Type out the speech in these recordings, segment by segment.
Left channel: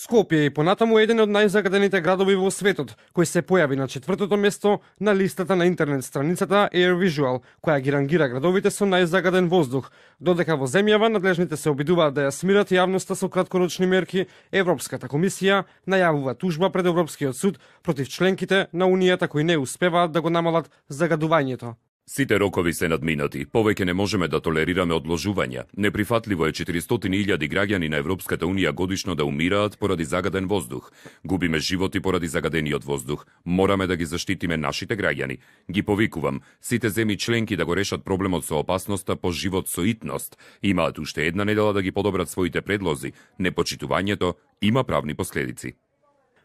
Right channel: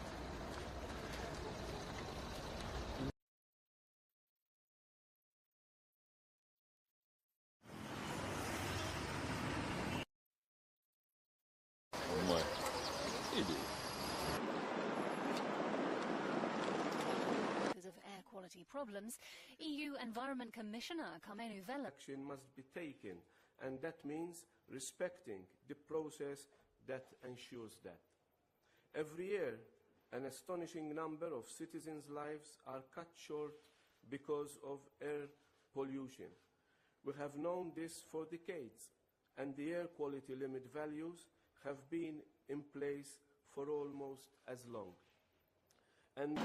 Скопје е понатаму еден од најзагадените градови во светот, кој се појави на 4-то место на листата на интернет страницата Air Visual, која ги рангира градовите со најзагаден воздух. Додека во земјава надлежните се обидуваат да ја смират јавноста со краткорочни мерки, Европската комисија најавува тужба пред Европскиот суд против членките на Унијата кои не успеваат да го намалат загадувањето. Сите рокови се надминати. Повеќе не можеме да толерираме одложувања. Неприфатливо е 400.000 граѓани на Европската Унија годишно да умираат поради загаден воздух. Губиме животи поради загадениот воздух. Мораме да ги заштитиме нашите граѓани. Ги повикувам сите земји членки да го решат проблемот со опасноста по живот со итност. Имаат уште една недела да ги подобрат своите предлози. Непочитувањето има правни последици.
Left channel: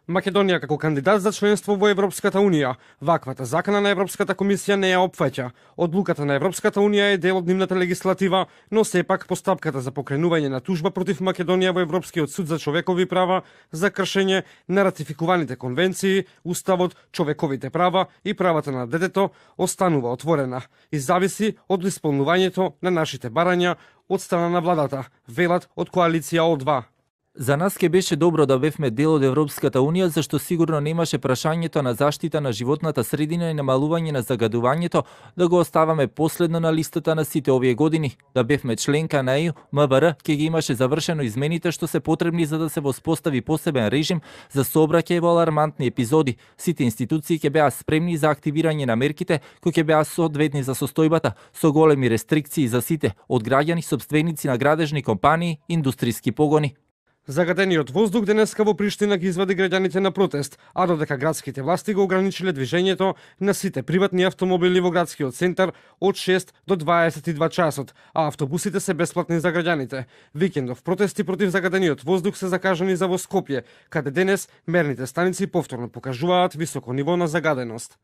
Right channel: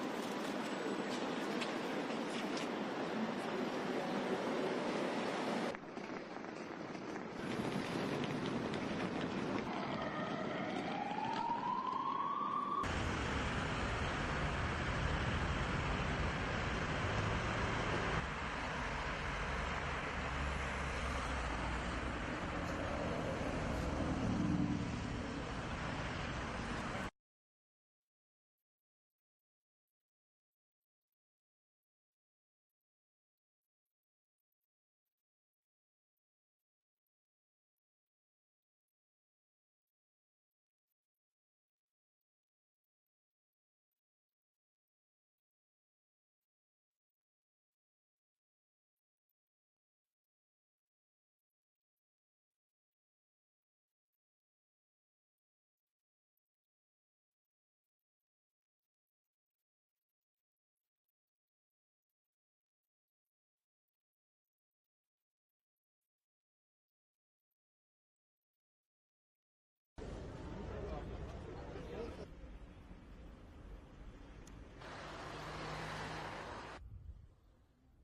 Македонија како кандидат за членство во Европската Унија, ваквата закана на Европската комисија не ја опфаќа. Одлуката на Европската Унија е дел од нивната легислатива, но сепак постапката за покренување на тужба против Македонија во Европскиот суд за човекови права за кршење на ратификуваните конвенции, уставот, човековите права и правата на детето останува отворена и зависи од исполнувањето на нашите барања од страна на владата, велат од коалиција О2. За нас ке беше добро да бевме дел од Европската Унија, зашто сигурно немаше прашањето на заштита на животната средина и намалување на загадувањето да го оставаме последно на листата на сите овие години. Да бевме членка на ЕУ, МВР ке ги имаше завршено измените што се потребни за да се воспостави посебен режим за сообраќај во алармантни епизоди. Сите институции ке беа спремни за активирање на мерките кои ке беа соодветни за состојбата, со големи рестрикции за сите, од граѓани, сопственици на градежни компании, индустријски погони. Загадениот воздух денеска во Приштина ги извади граѓаните на протест, а додека градските власти го ограничиле движењето на сите приватни автомобили во градскиот центар од 6 до 22 часот, а автобусите се бесплатни за граѓаните. Викендов протести против загадениот воздух се закажани за во Скопје, каде денес мерните станици повторно покажуваат високо ниво на загаденост.